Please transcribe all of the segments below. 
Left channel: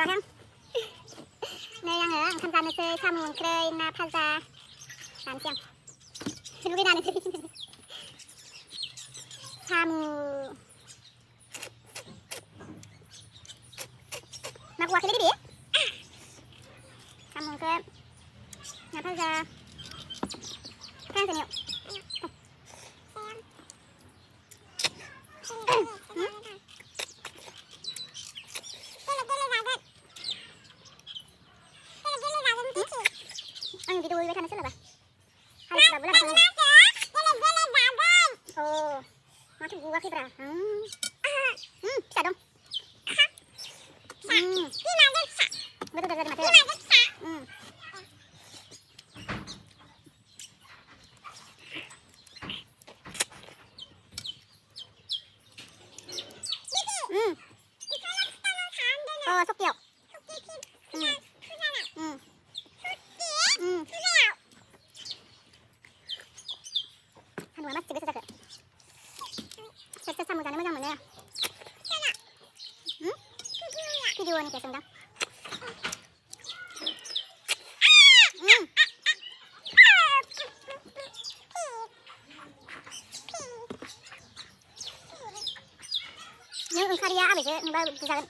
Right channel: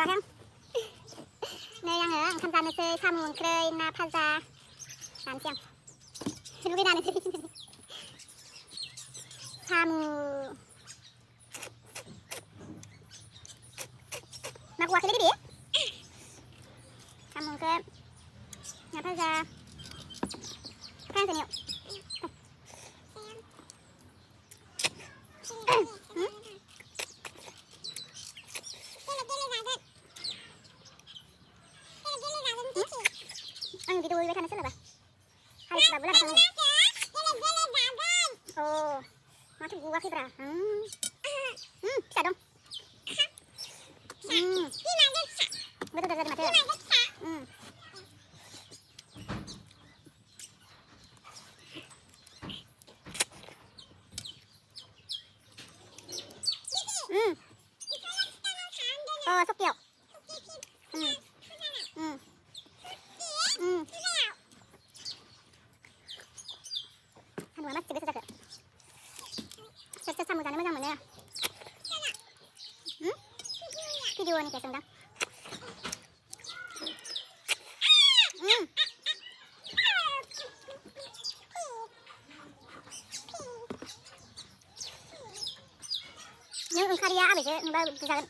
दावराहां नै आङो ओंखाम जानोसै साम' ओंख्रै ना भाजा जानोसै आं लुगैनानैसै साम' मा गवाखैलै बिदि साम' ओंख्रै ना भाजा खांसनियाव आं भिडिअ उइबाय थानो सोलाबा हालिसबाबो लाबा थांनांगौ अ माथो गवाखैब्रा फिसा दं गोथाव जादों माथो अ सकियाव सान्दुंआ मासे गोसा जाखो सोर सोर साम' जानो मोजां मोनो भिडिअनिफ्राय सोंदां नों ओंखारिया आबैसो नुबा बुजागोन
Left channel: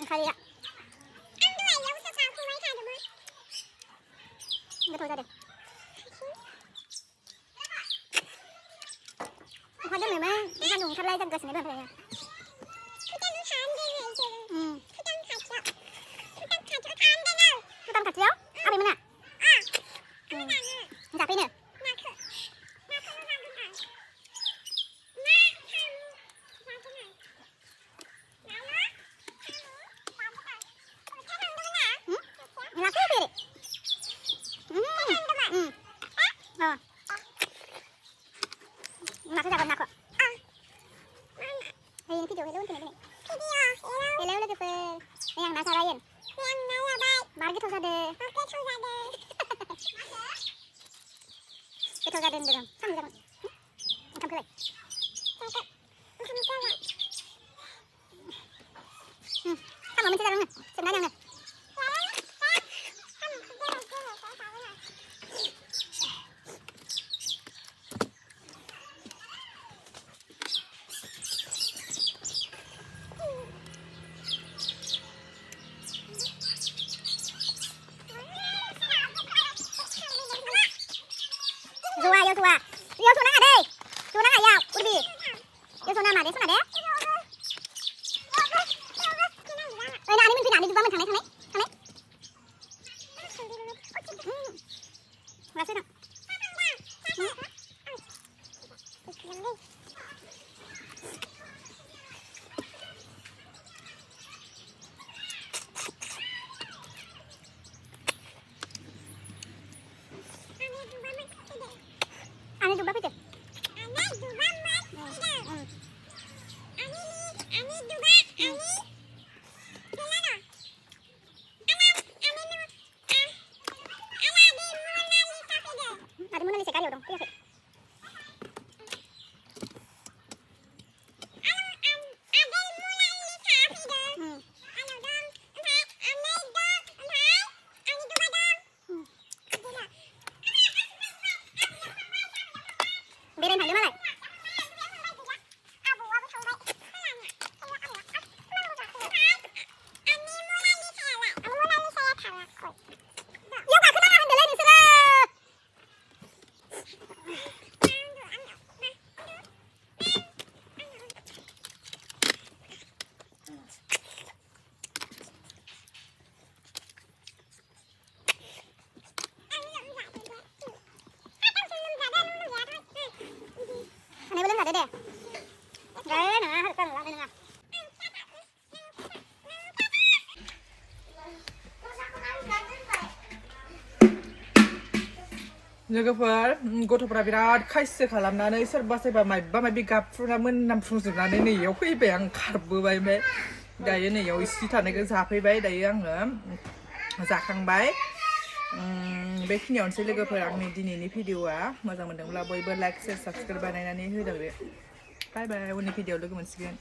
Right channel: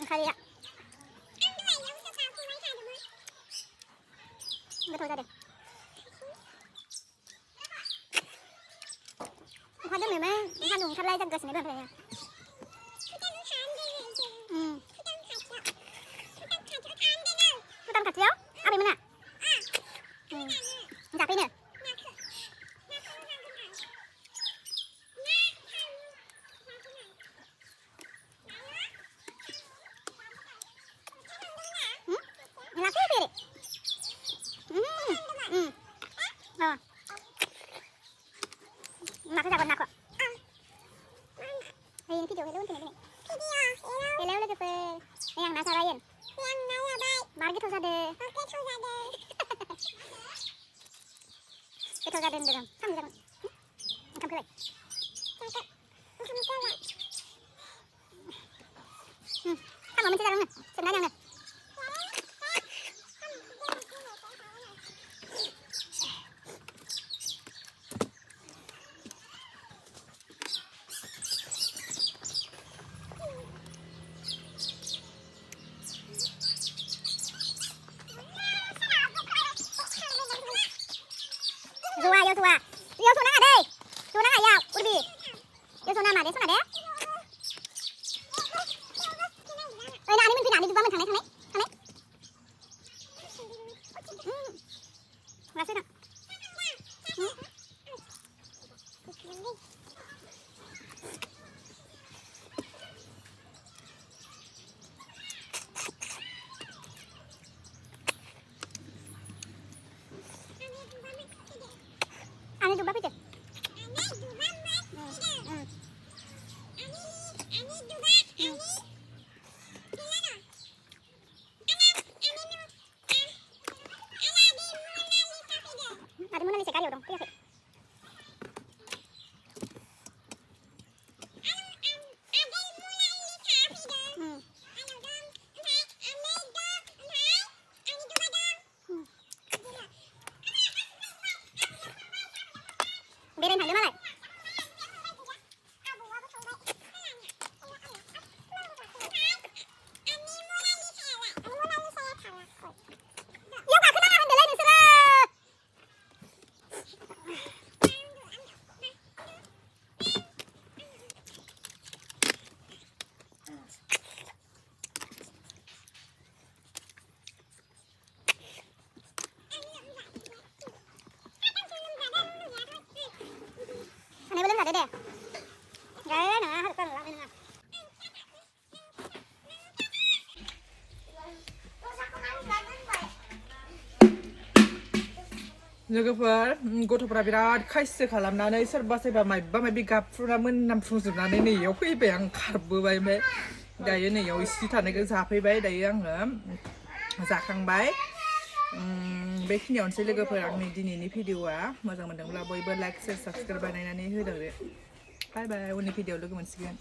ओंखारिया गोथाव जादों अखा दोमैमोन सान्दुं ओंखारलाय जागासिनो दं ओमफ्राय भुटान खाथियाव आबैमोना जाफैनो लाफैयाखै माखौ जागोन नाखौ ini video hello untuk ini hello लोगोफोर नै आं ना जाबाय मार गोथाव जादों गोथाव जादों होनदों साम' जागोन ओंखामखौलाय साम' मोनसे जागोन सोंनानै आङो Dua, yo dua. Yo sona nggak deh? Sona nggak ya? Urbi. Yo sona nggak deh? Sona deh? Nah ini mungkin ada juga menang nih, sana. Rasa dong. Ani dubah itu. Ada Mona Lisa kali dong, iya sih. Berin hal mana? Ini belum ada deh. Gak ada nggak? Harus kan lah ini nggak. लोगोफोर गथ'फोरा बिराद खायसो खालामनानै सोरबा सोरबा माबा माबि गाबफ्रुना मोनामफ्रुजोबनानै नैयाव फैबाय आं खारबोबाय ओमफ्राय दायो नैयाव इसे थानायखौ जाफैबाय दायो आङो जाखांबाय बेखिनियावनोसै लोगोफोर आंनि दिनैनि भिडिअआ मोजां मोनदोंब्ला बयबो लाइक शेयार साबस्क्राइब बानायनानै होदो बाय बाय उननि भिडिअआव लोगो मोनसिगोन